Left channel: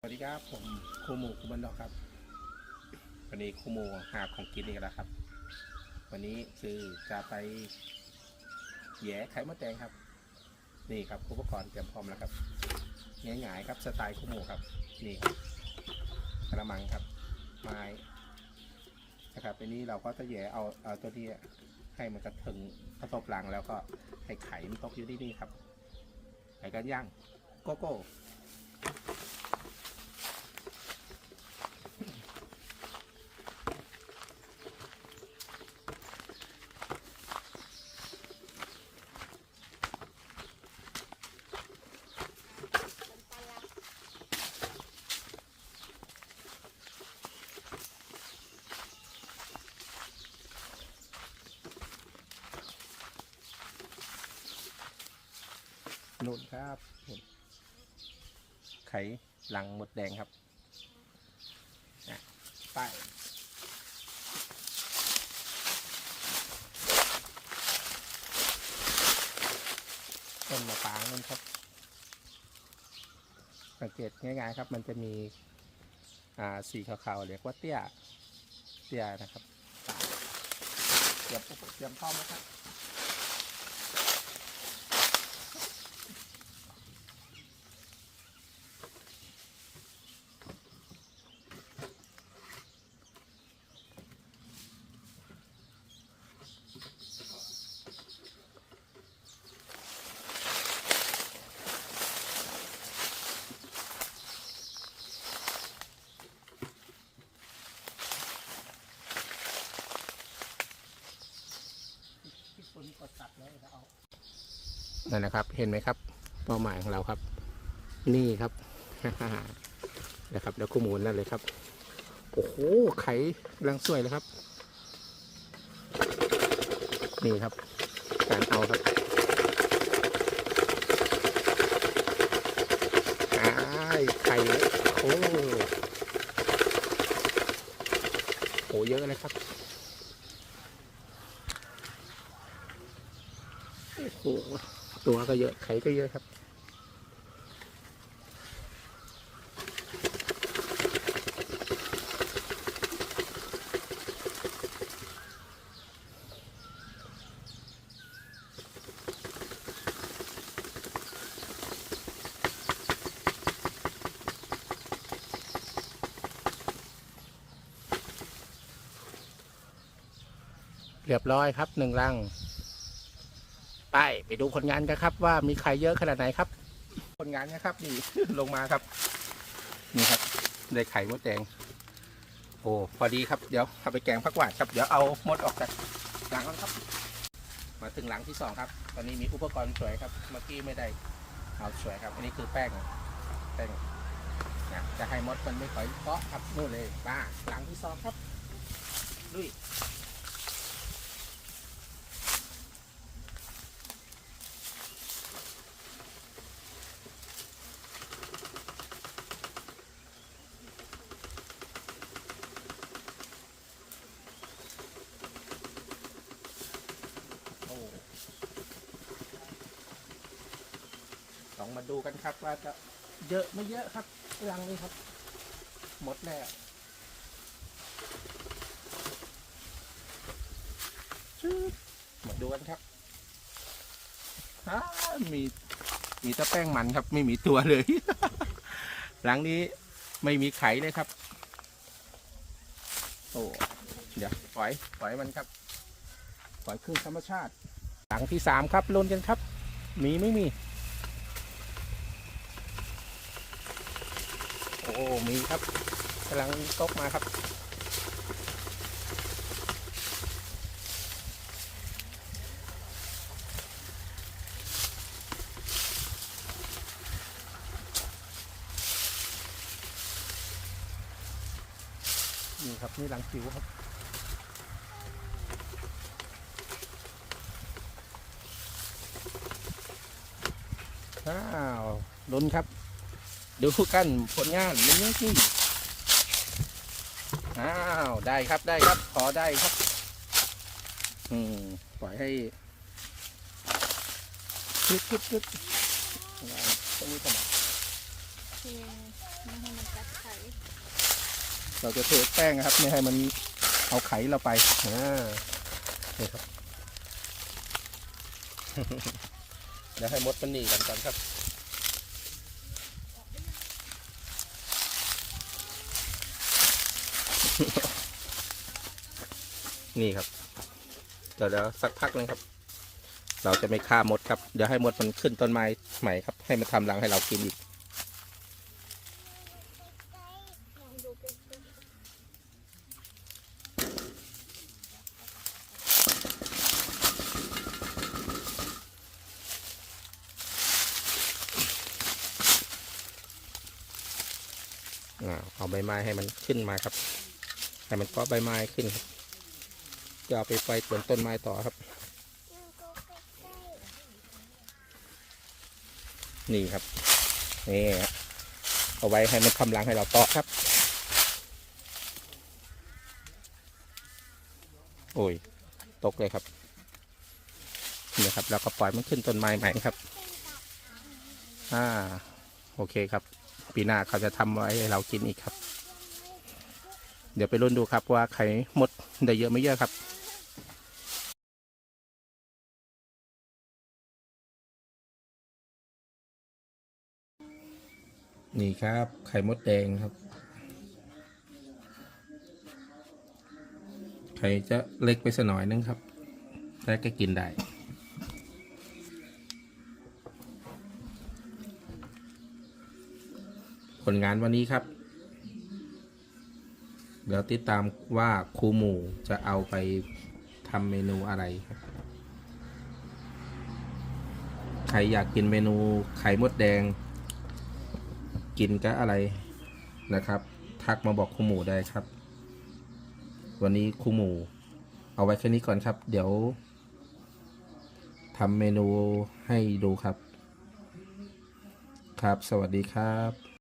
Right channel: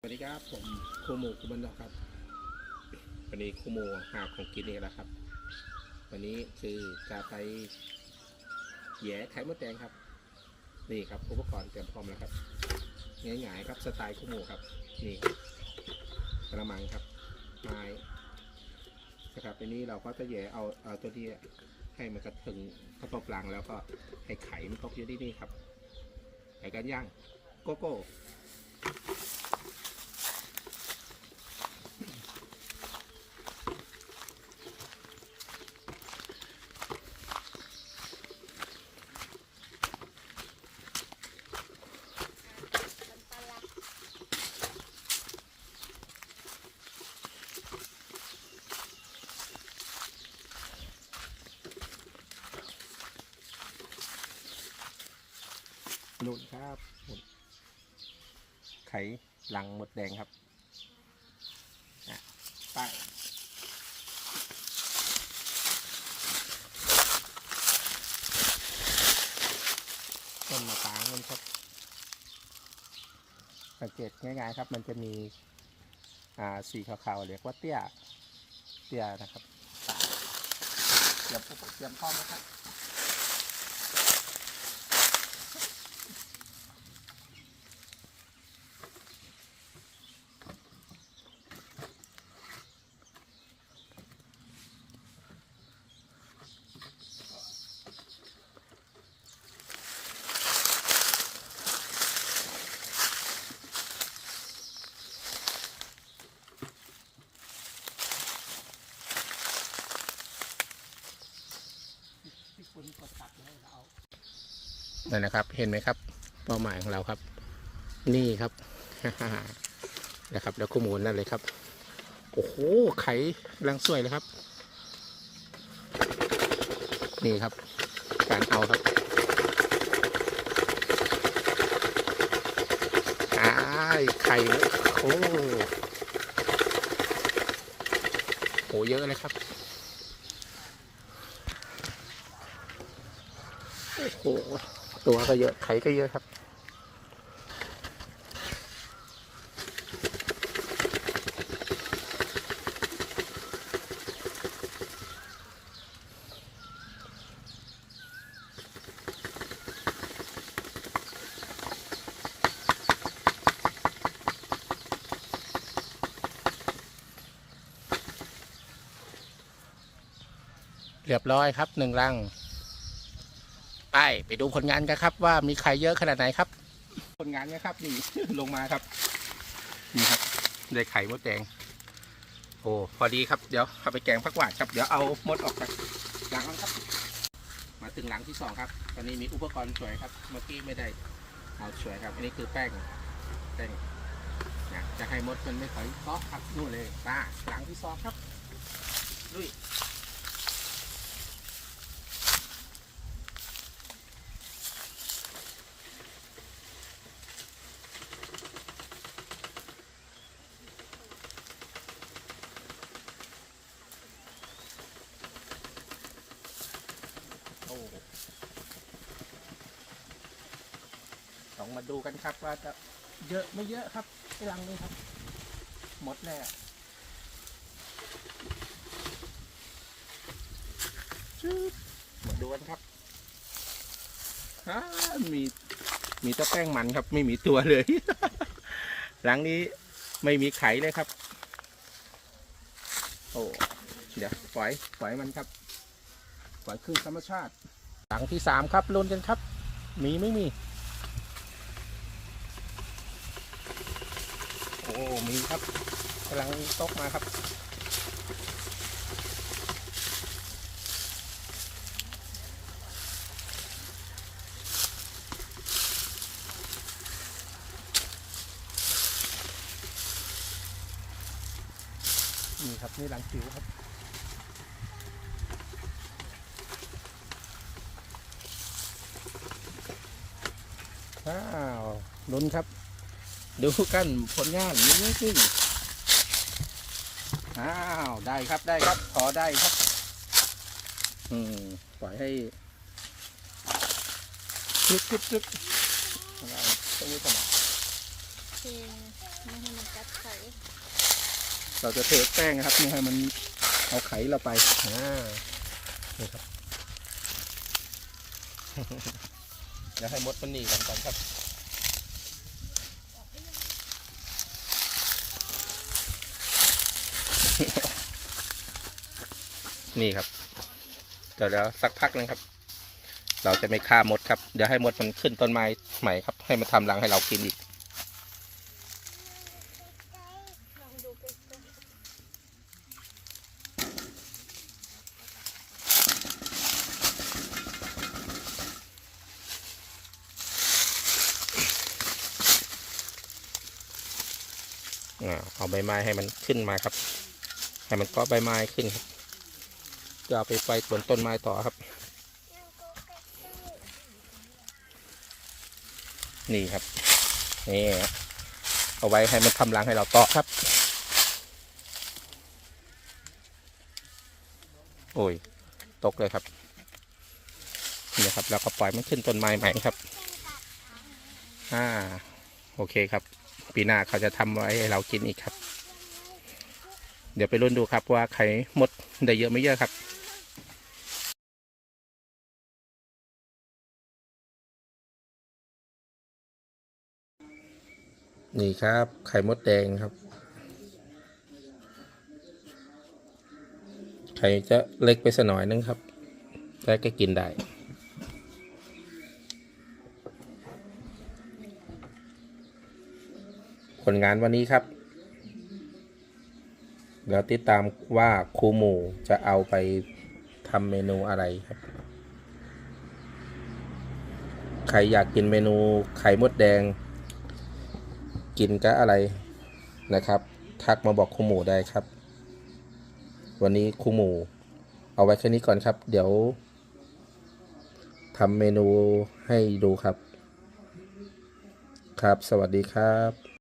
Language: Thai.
สวัสดีครับผมครูหมูคุบันดอกครับ วันนี้ครูหมูหาของกินอีกแล้วครับ วันนี้คือจะไปแย่ไข่มดแดงครับ นี่ครับอุปกรณ์เตรียมพร้อมแล้วครับง่ายๆครับสไตล์ครูหมูครับ นี่กระมังครับไม้นะครับทีนี้เราก็จะแย่เอาเอาตัวที่ให้มันกระถึงกระตบหลังแล้วก็ให้ไข่มันตกอยู่ที่นี่ครับไข่กันย่างโกโก้ นุ่นครับนุ่นไขหลังหมดแดงครับไปต้นมะปางนั่นครับ สังเกตง่ายๆครับ มันจะมีอ่าสีขาวๆเรียกว่าเตี้ย เตี้ยนะครับไปเตรียมอุปเตรียมพร้อมไหมครับ นั่นนะครับ เห็นไหมครับ เป้าหมายของเราครับ นี่ครับ นะครับ แล้วคู่หมูนั่นเลยครับ โอ้โห ไข่กำลังสวยเลยครับ นี่ครับ การเอาครับไข่โอ้โหเยอะเลยครับ โอ้โหตัวก็เยอะไข่ก็เยอะครับ เรียบร้อยครับหนึ่งลัง ไปไปดูผลงานกันครับ ว่ามีไข่เยอะขนาดไหนครับ ผลงานนะครับนี่ลงมาครับ นี่ครับ ได้ไข่มดแดงโอ้พอดีครับเดี๋ยวเอาไปแกงผักหวานครับเดี๋ยวเอามดออกจากหลังนั้นครับ มาถึงหลังที่สองครับ ตอนนี้มีอุปกรณ์ช่วยครับเมื่อกี้ไม่ได้เอาช่วยครับ อันนี้คือแป้งแป้งนะจะให้มดมันไม่ค่อยเกาะครับนู่นเลยมาหลังที่สองครับลุย โอ้ล องมาดูกันครับ ว่าจะเยอะไม่เยอะครับไอ้รังนี้ครับ หมดแล้วชืดมาดูกันครับอ้ามีมีแต่แป้งมันครับ ไม่มีตัวเลย หลังนี้ไม่มีไข่เลยครับ โอ้เดี๋ยวปล่อยปล่อยมันครับ ปล่อยคืนธรรมชาติ หลังที่สามครับลุ้นกันครับ มีไม่มี อ้มีครับกำลังตกมาครับนี่ครับนี่หลังจิ๋วครับอ้าวลุ้นครับ ดูกันผลงานนี่จริงอ้าวได้ครับได้ครับพอได้ครับ อืมปล่อยให้กึบกึบกึบเราตรงนี้ก่อนโอเคไม่ให้มันกัดไข่เราจะเทแป้งนะครับไม่ให้มันเอาไข่เราไปเออนี่ครับแล้วให้มดมันหนีกันก่อนครับ นี่ครับเดี๋ยวแล้วสักพักนึงครับ เราจะไม่ฆ่ามดครับ เดี๋ยวให้มดมันขึ้นต้นไม้ใหม่ครับ ให้มันทำรังให้เรากินอีก เอาใบไม้ให้มันขึ้นมาครับ ให้มันเก็ใบไม้ขึ้นครับจะเอาไปไฟบนต้นไม้ต่อครับ นี่ครับนี่เอาไว้ให้มันทำรังให้เราต่อครับ โอ้ยตกเลยครับนี่ครับแล้วก็ปล่อยมันขึ้นต้นไม้ใหม่ครับอ่าโอเคครับ ปีหน้าเขาจะทำไว้ให้เรากินอีกครับ เดี๋ยวไปรุ่นดูครับว่าไข่มดได้เยอะไม่เยอะครับนี่ครับ ไข่มดแดงครับ ไข่จะเล็กไปสน่อยนึงครับ แต่ก็กินได้ ผลงานวันนี้ครับ เดี๋ยวติดตามว่าครูหมูจะเอาไปทำเมนูอะไรครับ ใครอยากกินเมนูไข่มดแดง กินก็อะไรนะครับ ทักมาบอกครูหมูได้ครับ วันนี้ครูหมูเอาไว้แค่นี้ก่อนครับ เดี๋ยวทำเมนูให้ดูครับ ครับ สวัสดีครับ